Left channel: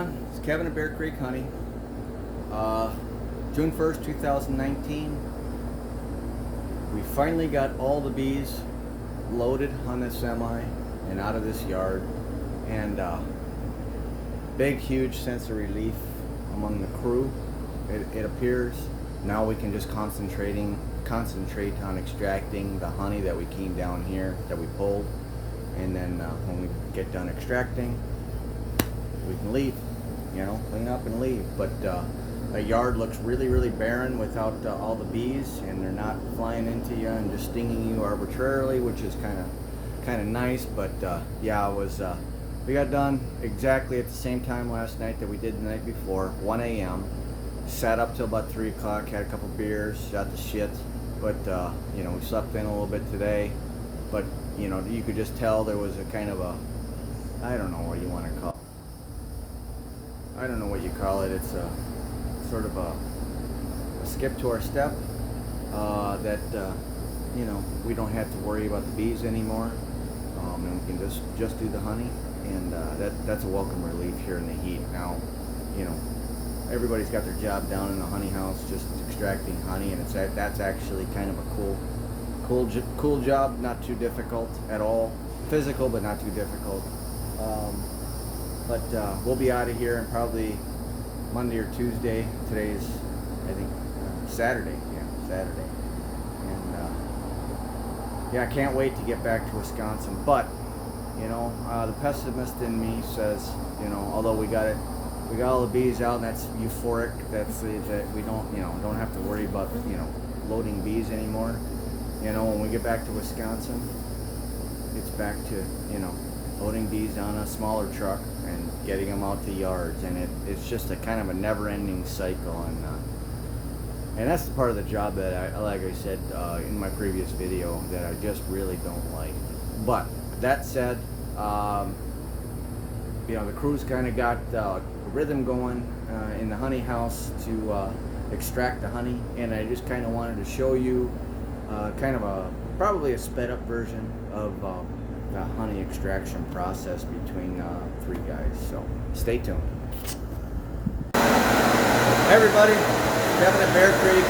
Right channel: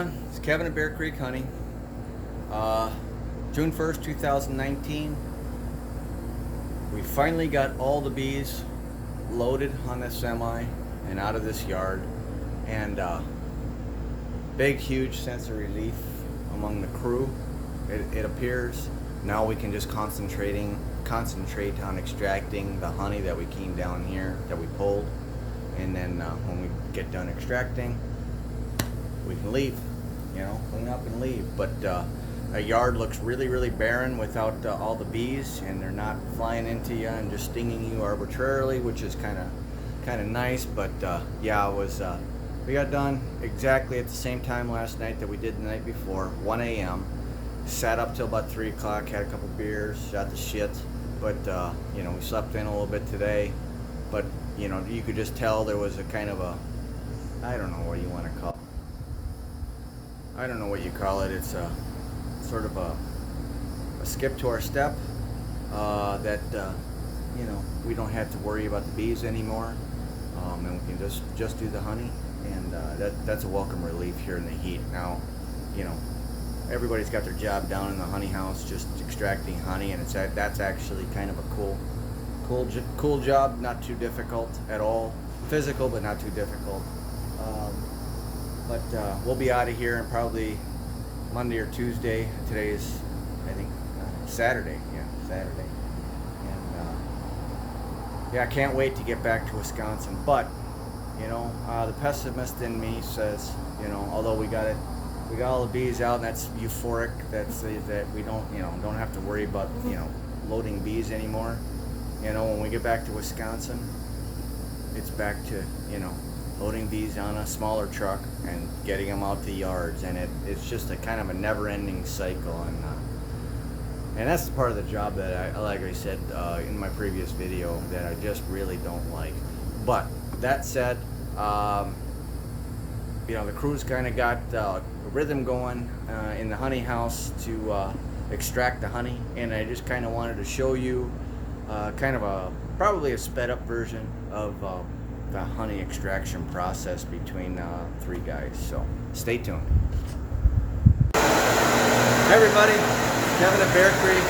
everyone? It's Kevin at Bear Creek Honey. June 1st, 2019. We finally got all the bees loaded on this semi and out of this yard. And big, huge sense of relief among the crew. It appears now we can just concentrate on extracting the honey that we came down here, that we pulled. And then when we get done extracting, we can leave, clean up and leave. But a yard looks really, really barren without all the bees, and they're not flying into you and just stinging you arbitrarily, which is kind of nice. But yeah, we got done exactly at the same time last night that we did the night before, 1 a.m. Sat up till about 3 o'clock, had a couple beers, shot the shit. But we slept in a little bit today. But you could just tell there was a kind of a, I don't know what you want to call it. I don't know what you call it. It's a sort of a skip to our step that we don't have to worry about the bees anymore, and we can just do the honey, and that's a welcome relief here in the heat. Now, everybody's got their job down in the honey house, just extracting honey, and that's actually kind of a cool job, not too difficult at all. Physical, but not too difficult. But we'll be out of here in probably Monday or Tuesday. Today is, I think, Saturday. Yeah, Saturday. And yeah, I can't wait to get back to Wisconsin. But the pessimist in me says, although we got all the bees out, and that's euphoric. That's that we don't have to worry about loading bees anymore. When we get back to Wisconsin, it's back to loading bees on a smaller truck and getting them out to yards, and it's just a kind of a never-ending cycle, and that's the part of the job that like I said in my previous video, that I just really don't like. But that said, the crew's kind of got a rhythm going in the honey house to extract the honey, and I just kind of wanted to show you probably a sped up version of the honey extraction process between 3 guys. So stay tuned. Hey everybody, it's Kevin at Bear Creek.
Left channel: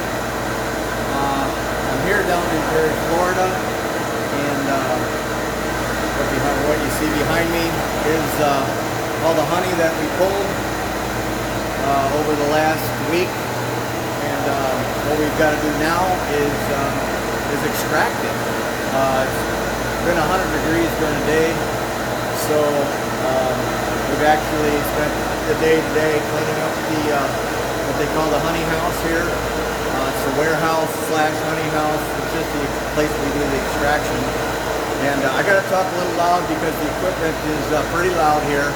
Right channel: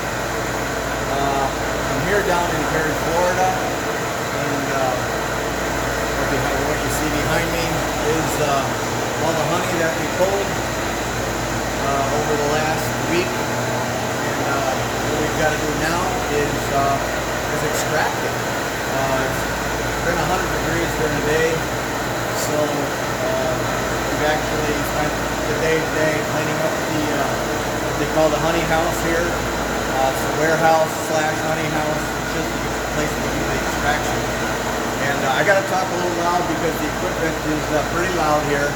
I'm here down in Perry, Florida, and what you see behind me is all the honey that we pulled over the last week. And what we've got to do now is extract it. It's been 100 degrees during the day, so we've actually spent the day today cleaning up the what they call the honey house here. It's the warehouse slash honey house. It's just the place we do the extraction. And I got to talk a little loud because the equipment is pretty loud here.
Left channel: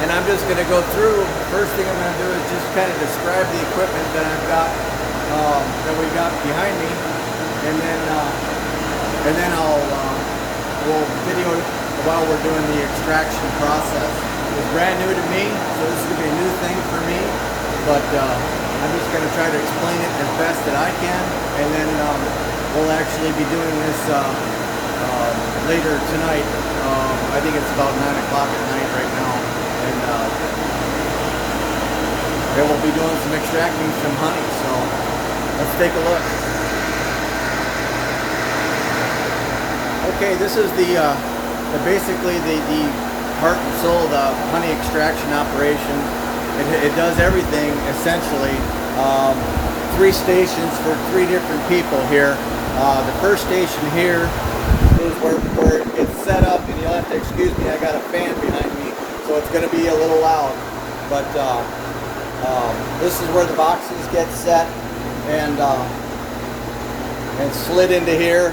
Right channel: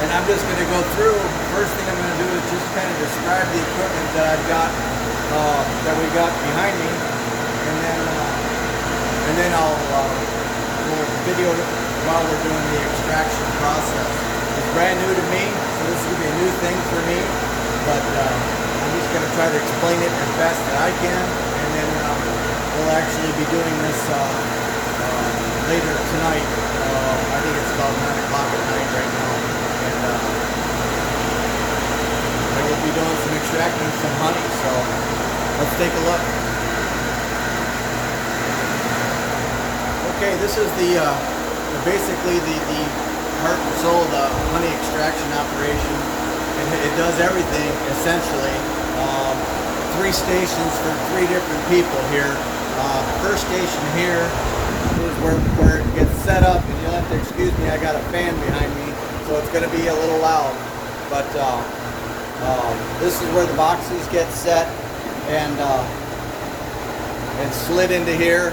And I'm just going to go through. First thing I'm going to do is just kind of describe the equipment that I've got, that we got behind me, and then we'll video while we're doing the extraction process. It's brand new to me, so this is going to be a new thing for me. But I'm just going to try to explain it as best that I can, and then we'll actually be doing this later tonight. I think it's about 9 o'clock at night right now, and we'll be doing some extracting some honey. So let's take a look. Okay, this is basically the heart and soul of the honey extraction operation. It does everything essentially. 3 stations for 3 different people here. The first station here is where it gets set up, and you'll have to excuse me, I got a fan behind me, so it's going to be a little loud. But this is where the boxes get set and slid into here,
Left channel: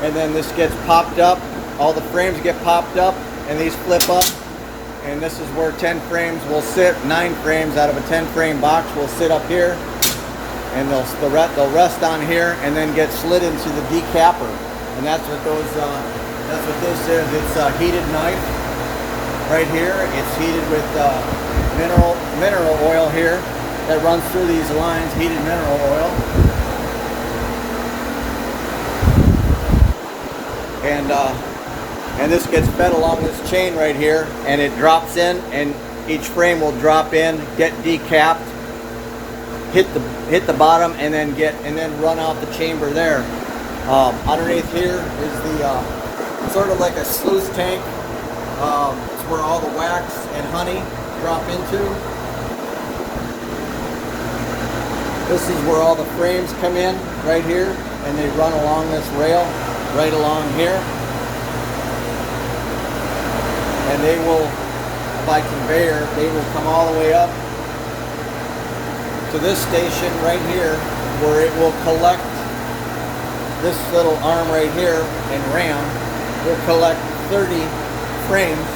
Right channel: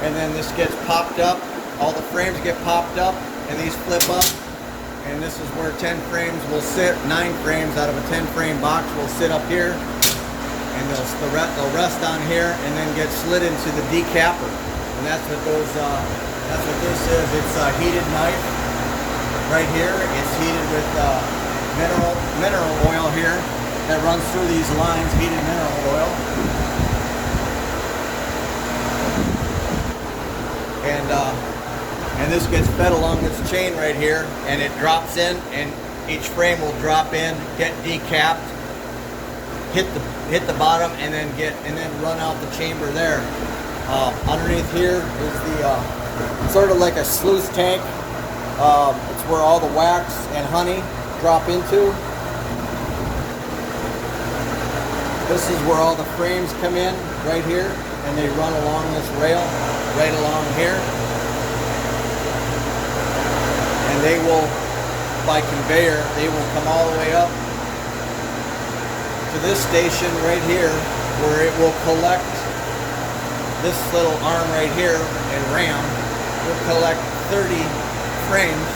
and then this gets popped up. All the frames get popped up, and these flip up, and this is where 10 frames will sit. 9 frames out of a 10 frame box will sit up here, and they'll rest on here and then get slid into the decapper. And that's what this is. It's a heated knife right here. It's heated with mineral oil here that runs through these lines, heated mineral oil. And And this gets fed along this chain right here, and it drops in, and each frame will drop in, get decapped, hit the bottom, and then run out the chamber there. Underneath here is the sort of like a sluice tank. It's where all the wax and honey drop into. This is where all the frames come in right here, and they run along this rail right along here. And they will, by conveyor, they will come all the way up to this station right here, where it will collect this little arm right here, and ram will collect 30 frames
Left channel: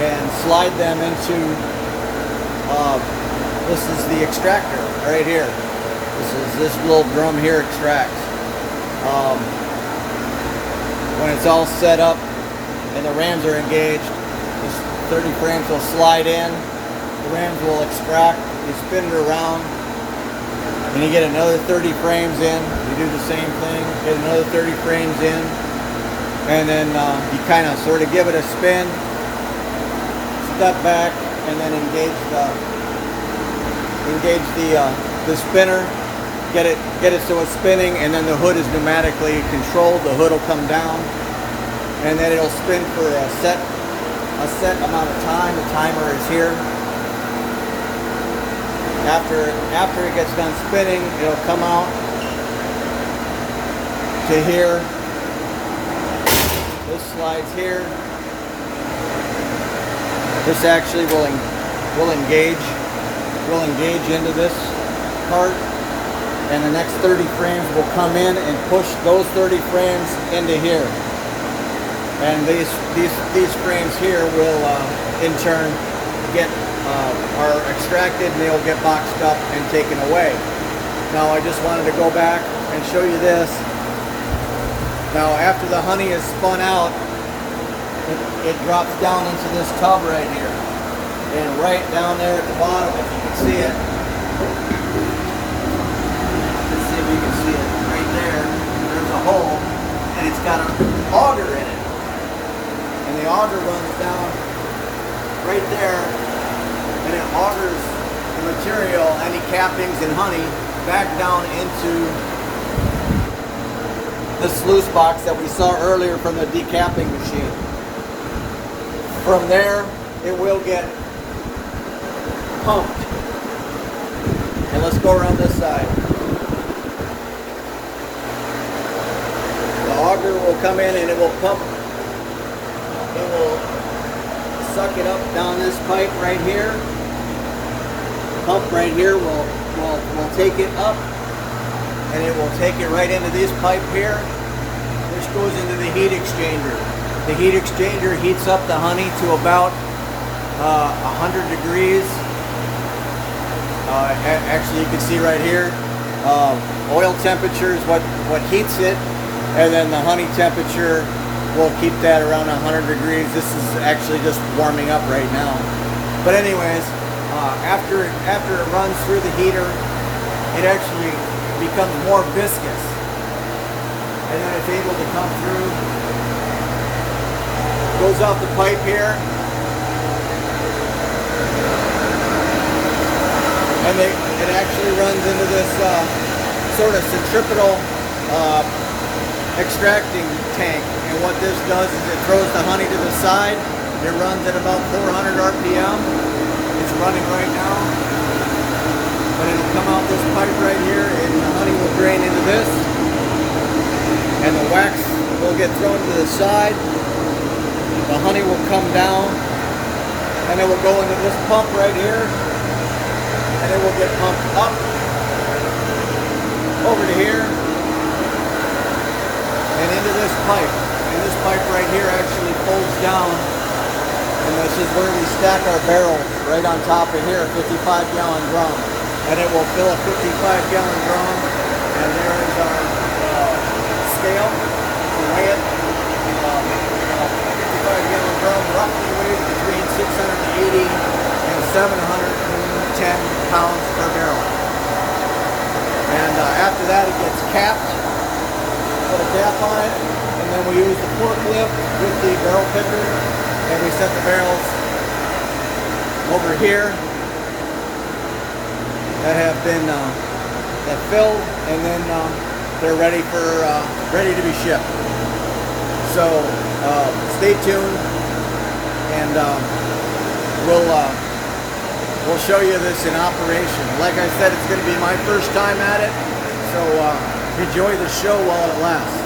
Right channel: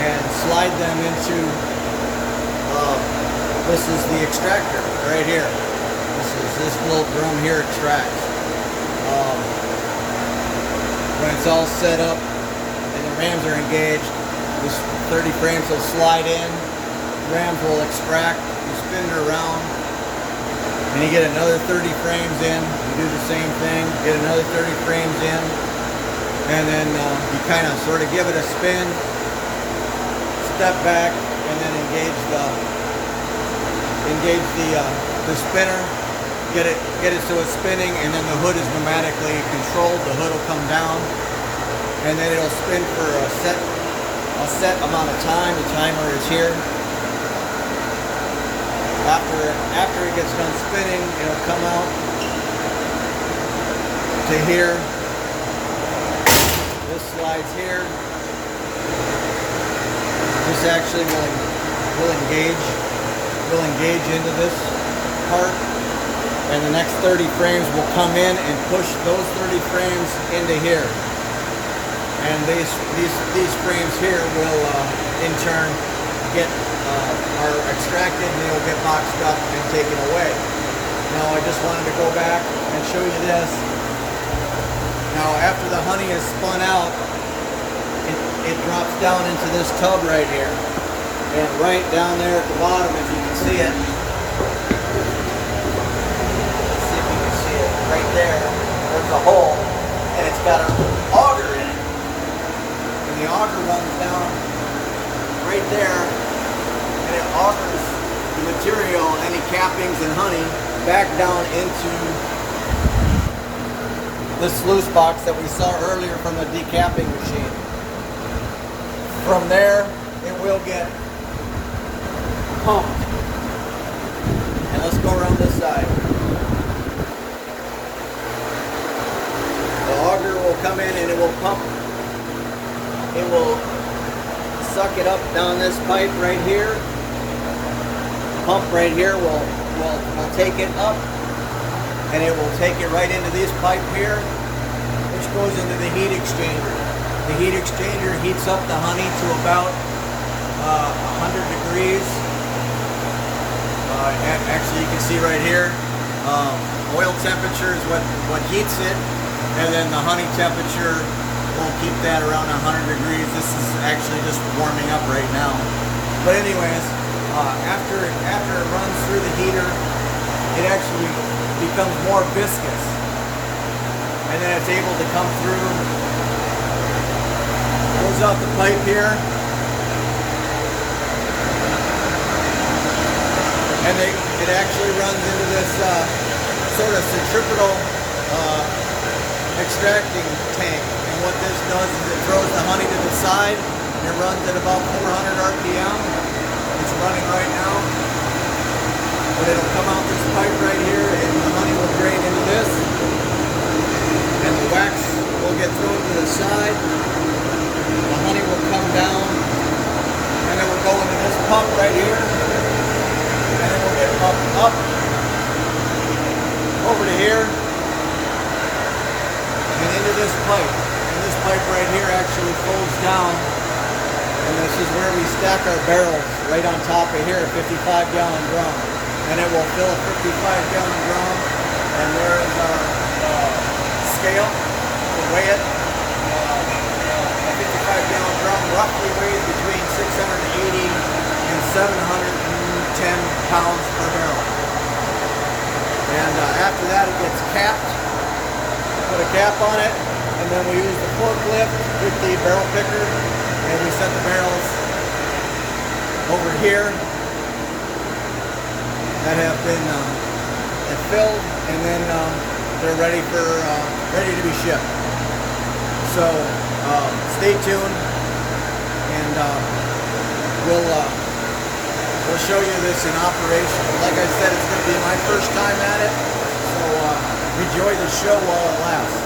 and slide them into this is the extractor right here. This little drum here extracts. When it's all set up and the rams are engaged, this 30 frames will slide in, the rams will extract, you spin it around, and you get another 30 frames in. You do the same thing, get another 30 frames in, and then you kind of sort of give it a spin, step back, and then engage the spinner, get it so it's spinning, and then the hood is pneumatically controlled. The hood will come down, and then it'll spin for a set amount of time. The timer is here. After it gets done spinning, it'll come out to here. This slides here. This actually will engage into this part, and the next 30 frames will come in and push those 30 frames into here. And these frames here will in turn are extracted, and they'll get boxed up and taken away. Now I just wanted to go back and show you this. Now after the honey is spun out, it drops down into this tub right here. And right down there at the bottom, if you can see it, let's see if we can see it, right there, there's a hole, and it's got an auger in it. And the auger runs down right there, and it augers the material, any cappings and honey, back down into the sluice box that we saw earlier from the decapping machine. From there, it will get pumped. And let's go around this side. The auger will come in and it will pump. It will suck it up down this pipe right here. The pump right here will take it up, and it will take it right into this pipe here, which goes into the heat exchanger. The heat exchanger heats up the honey to about 100 degrees. Actually, you can see right here, oil temperature is what heats it, and then the honey temperature will keep that around 100 degrees. This is actually just warming up right now. But anyways, after it runs through the heater, it actually becomes more viscous, and then it's able to come through, goes out the pipe here, and it actually runs into this sort of centripetal extracting tank. And what this does is it throws the honey to the side. It runs at about 400 RPM. It's running right now, but it'll come out this pipe right here, and the honey will drain into this, and the wax will get thrown to the side. The honey will come down, and it will go into this pump right here, and it will get pumped up over to here and into this pipe. And this pipe right here actually folds down, and this is where we stack our barrels right on top of here, a 55-gallon drum. And it will fill a 55-gallon drum, and there is our scale to weigh it. A 55-gallon drum roughly weighs between 680 and 710 pounds per barrel. And after that, it gets capped. Put a cap on it, and then we use the forklift with the barrel picker, and we set the barrels over here that have been that filled, and then they're ready to be shipped. So stay tuned, and we'll show you this in operation. Like I said, it's going to be my first time at it, so enjoy the show while it lasts.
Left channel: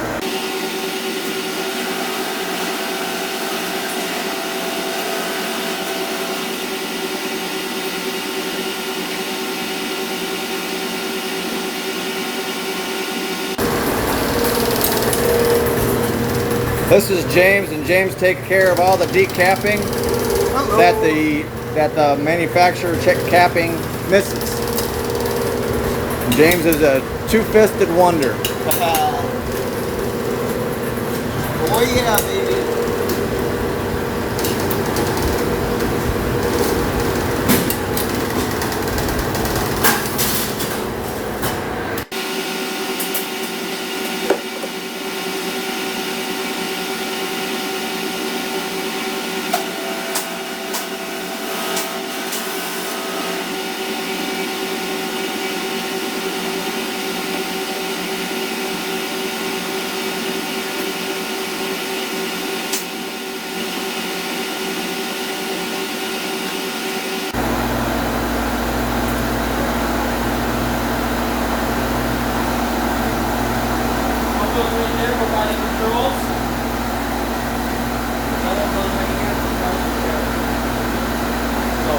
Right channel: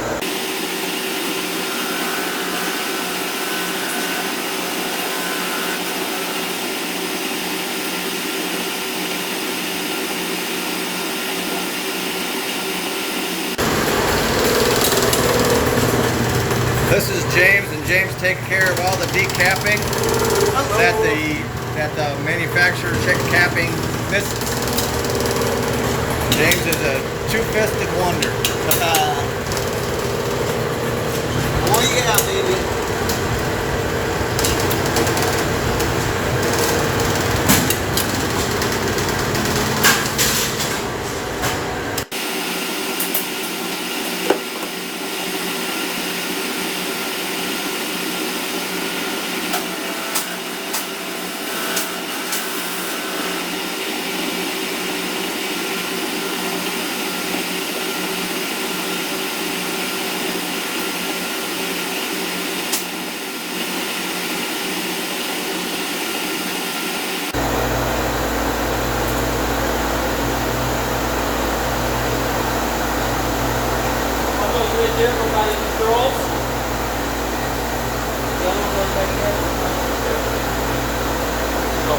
This is James, and James takes care of all the decapping that the manufacturer capping misses. James is a two-fisted wonder. Oh yeah, baby. Here with my controls. That one goes right here. So,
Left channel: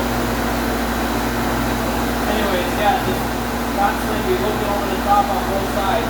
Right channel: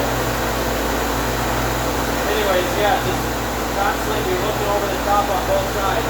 anyways, yeah, just constantly be looking over the top on both sides.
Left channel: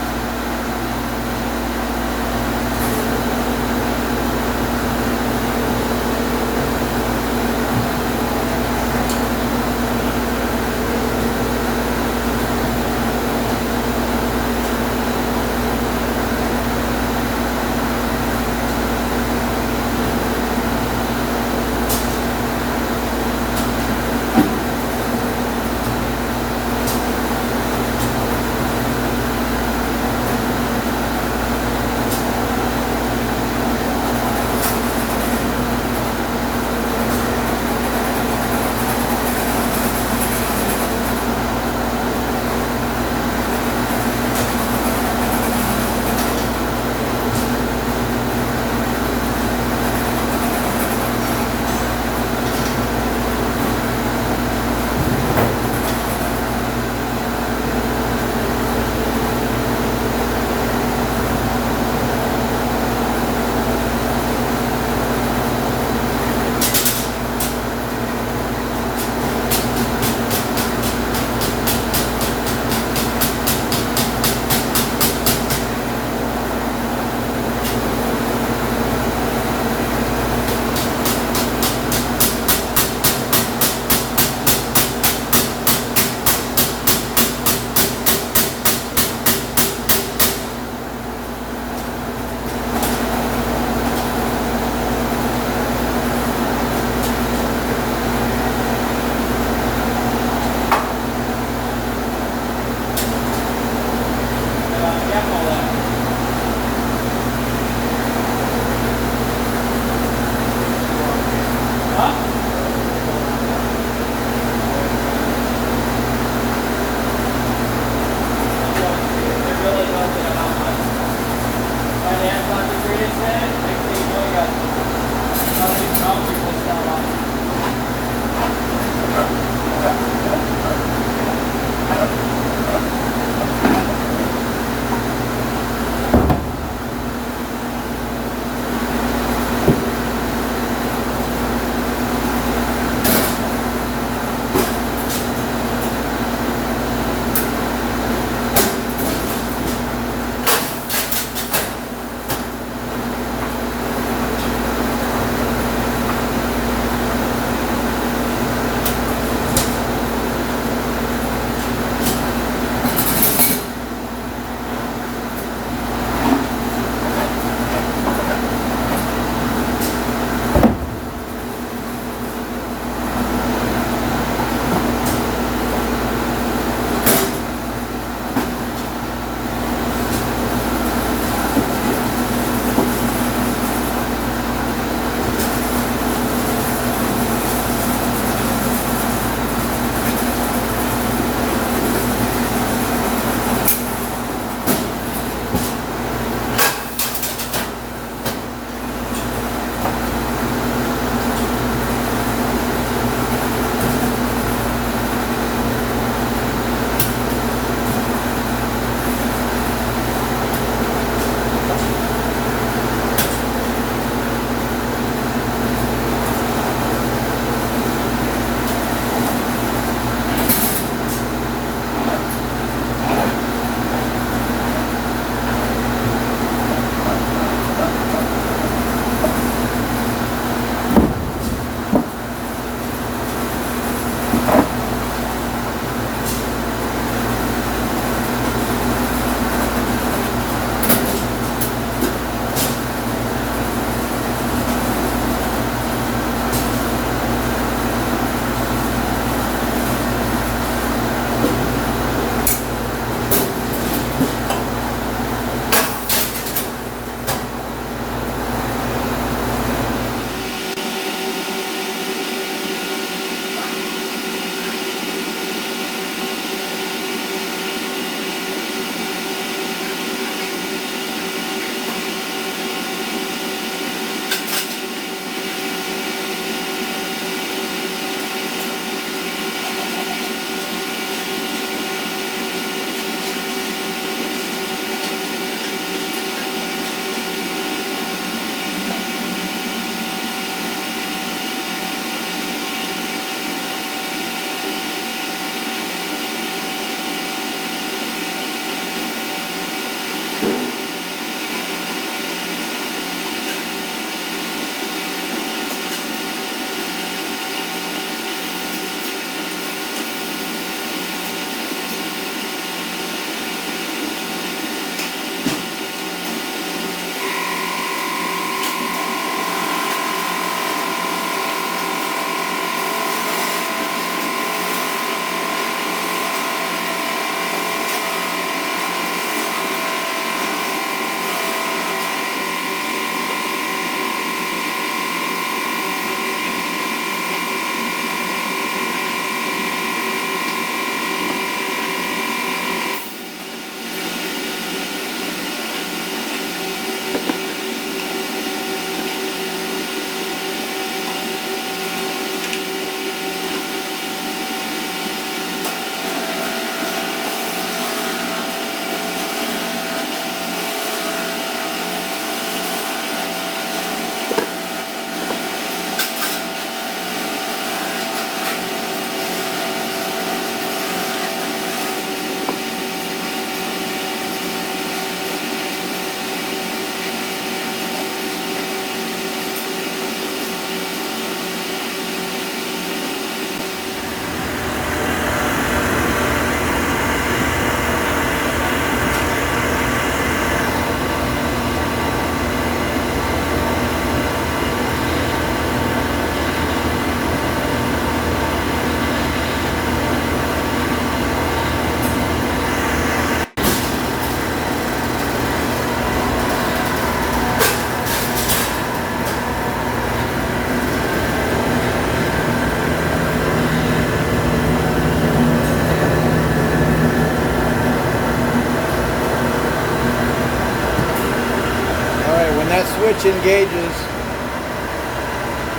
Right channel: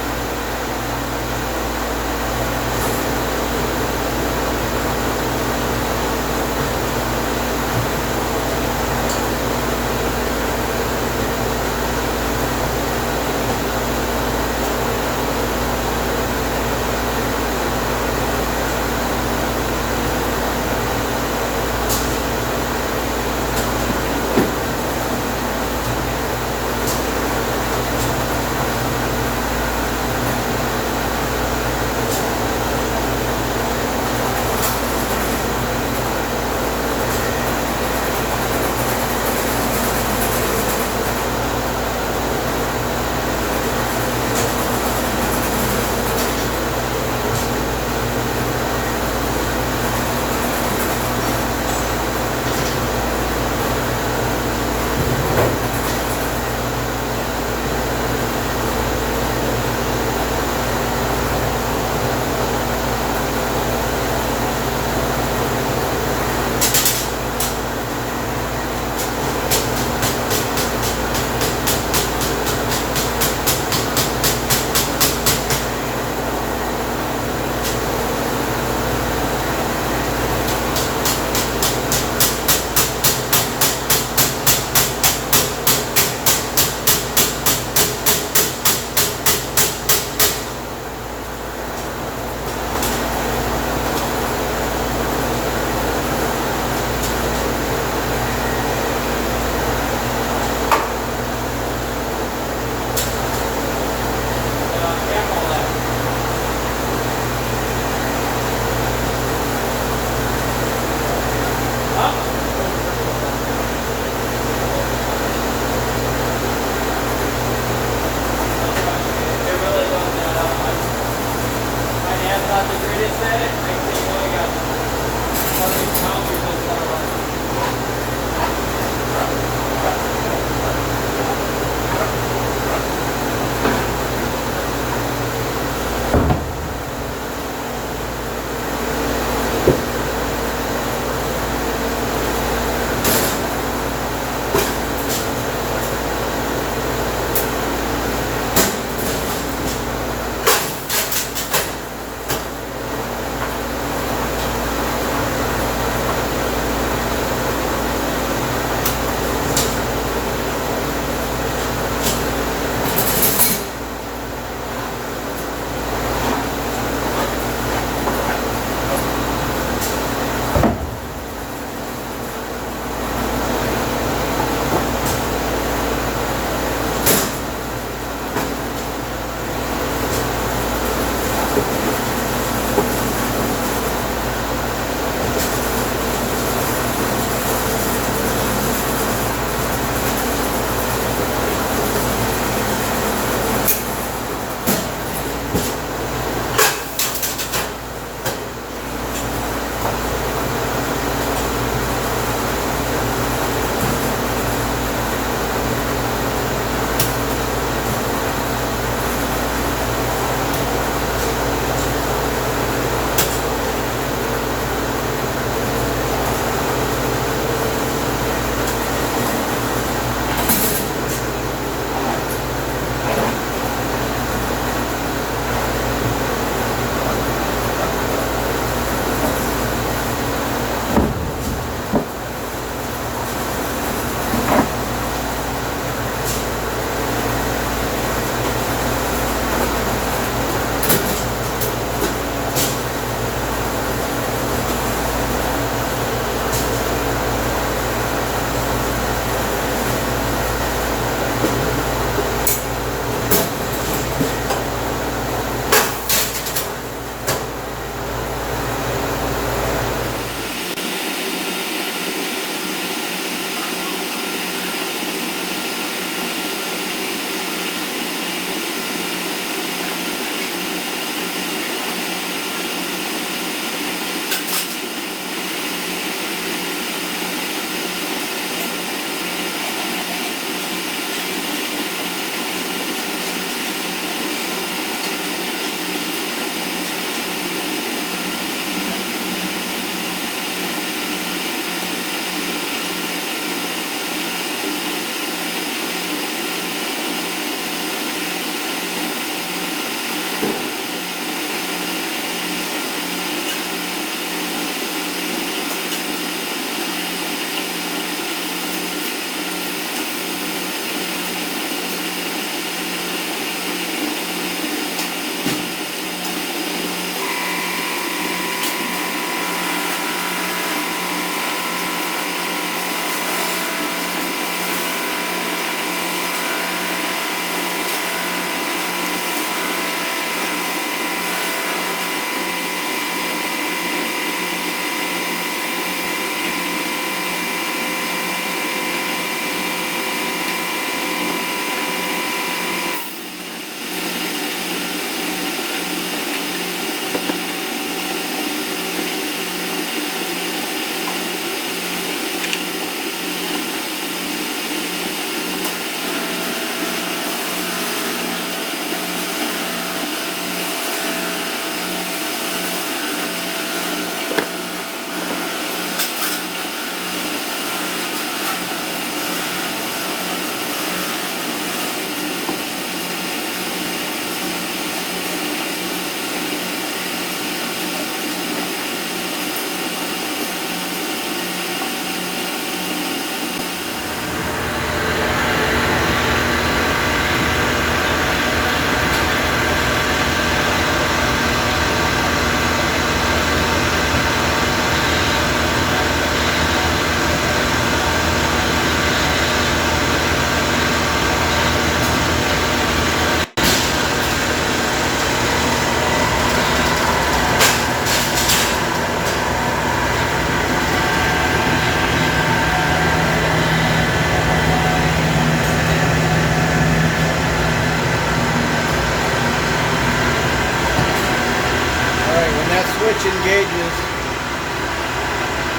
that switch engages,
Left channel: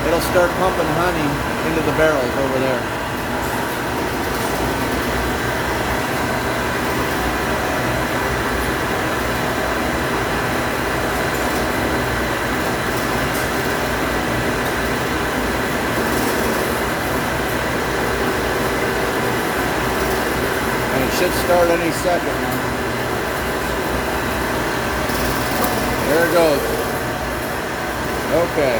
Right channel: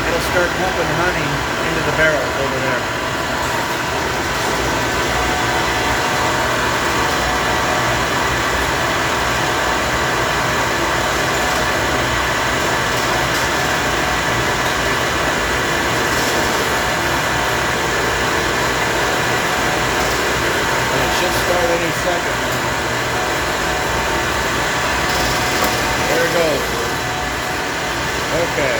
it'll start pumping honey into the barrels over there. And it should start any second now. There it goes. Okay.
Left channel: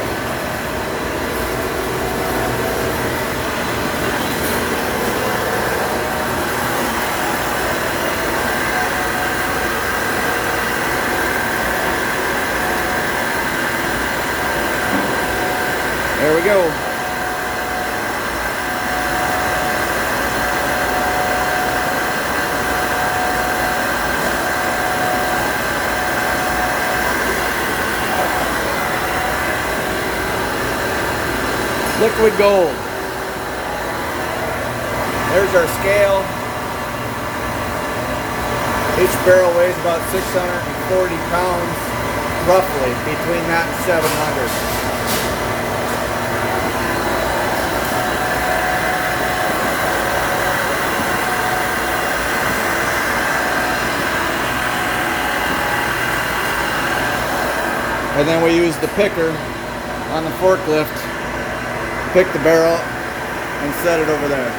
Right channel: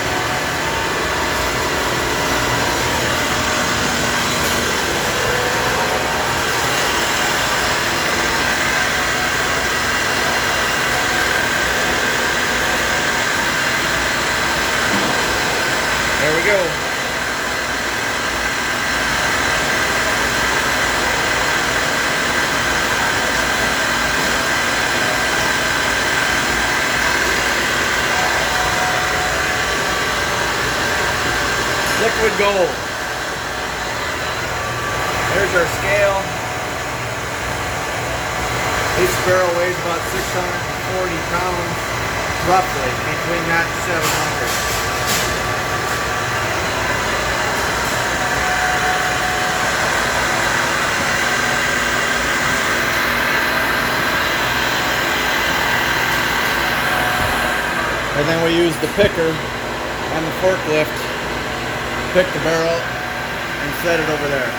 There we go. Liquid gold. There's our scale. Each barrel weighs about 640 pounds, roughly, between that and 700. And then we use the picker on the forklift, pick the barrel, and set it over there.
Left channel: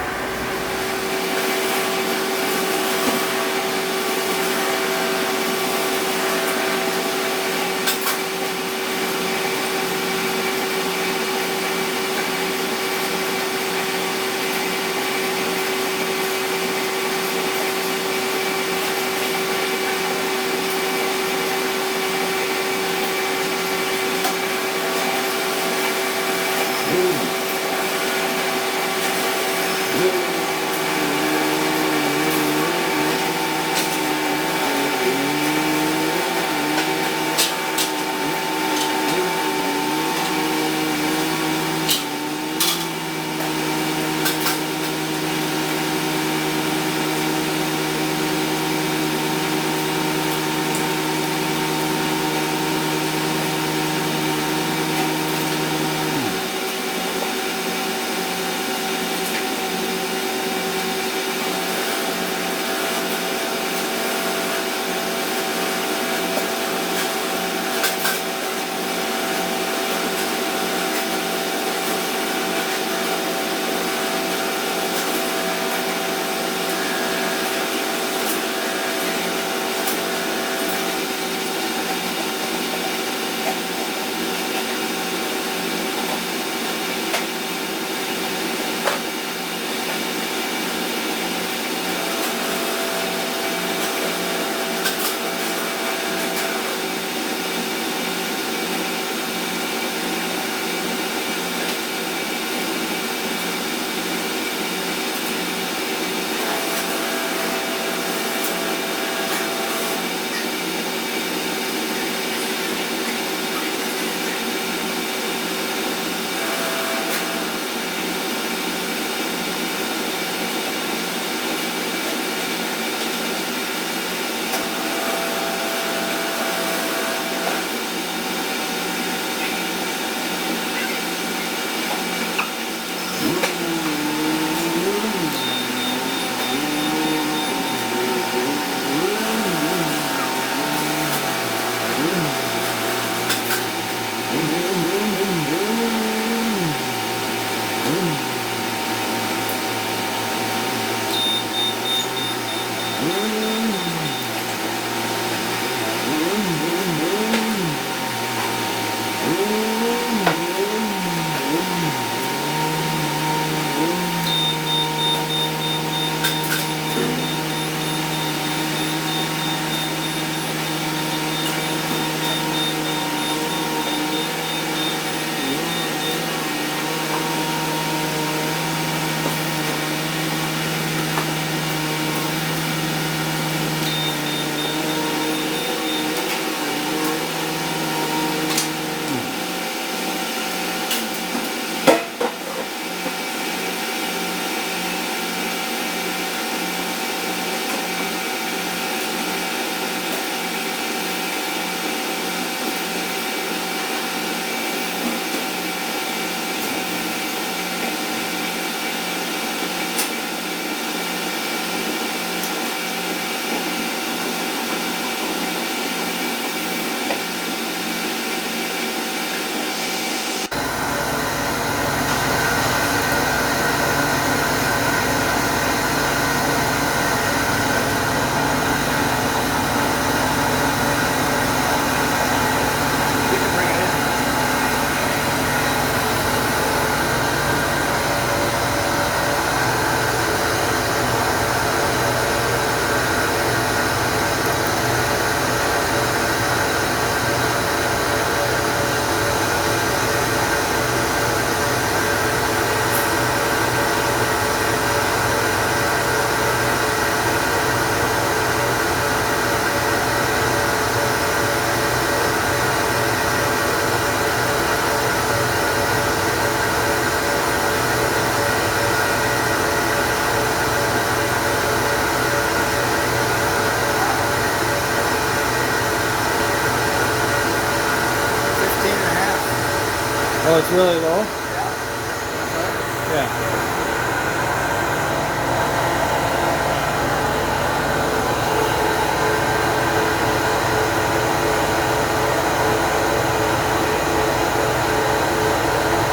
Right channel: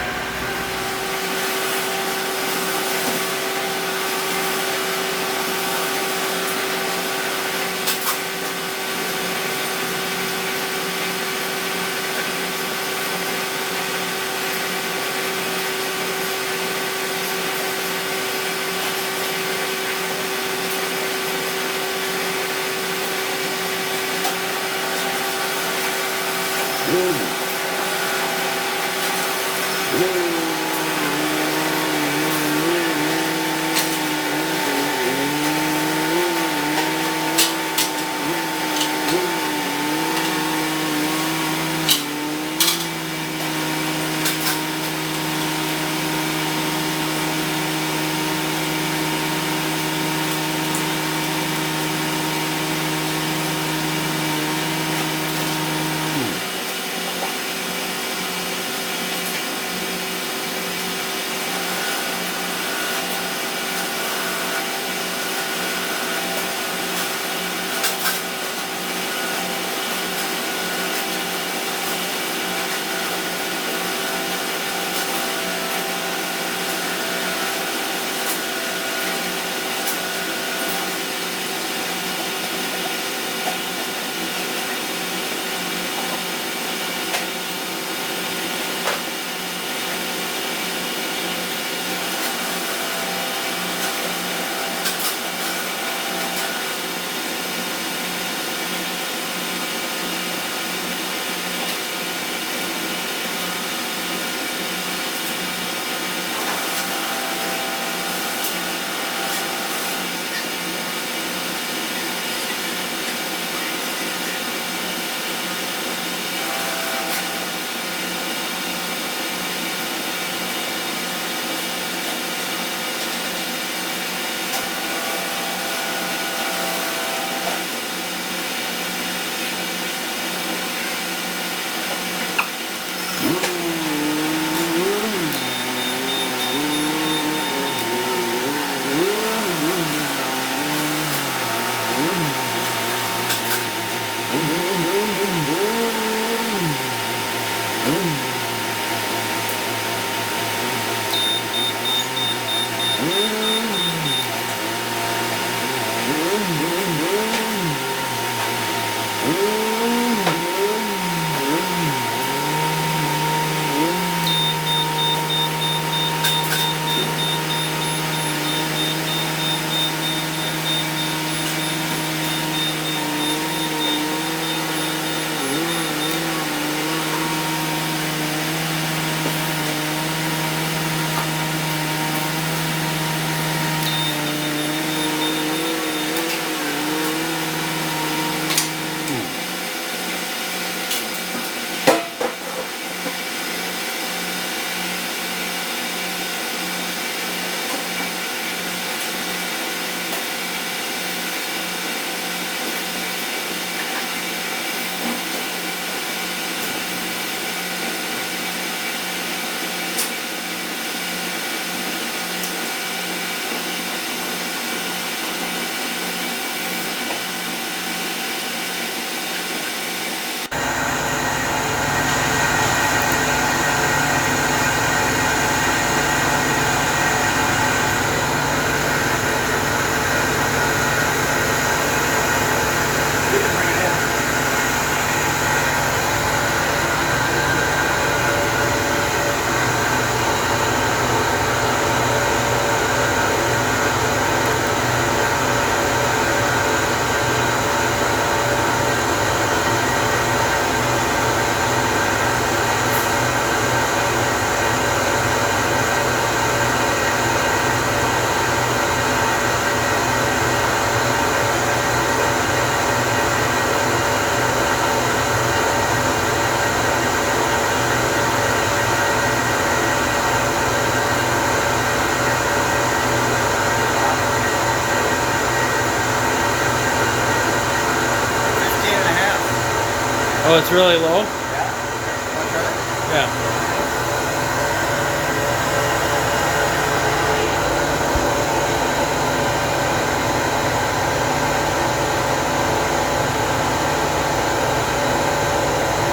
Oh, it's really low? Yeah. Here, want to try it? Yeah.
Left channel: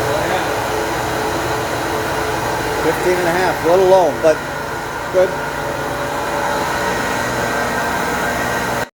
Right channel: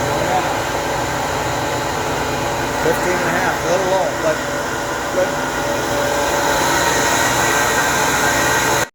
Oh, yeah. 15 and a half, a little low, but good.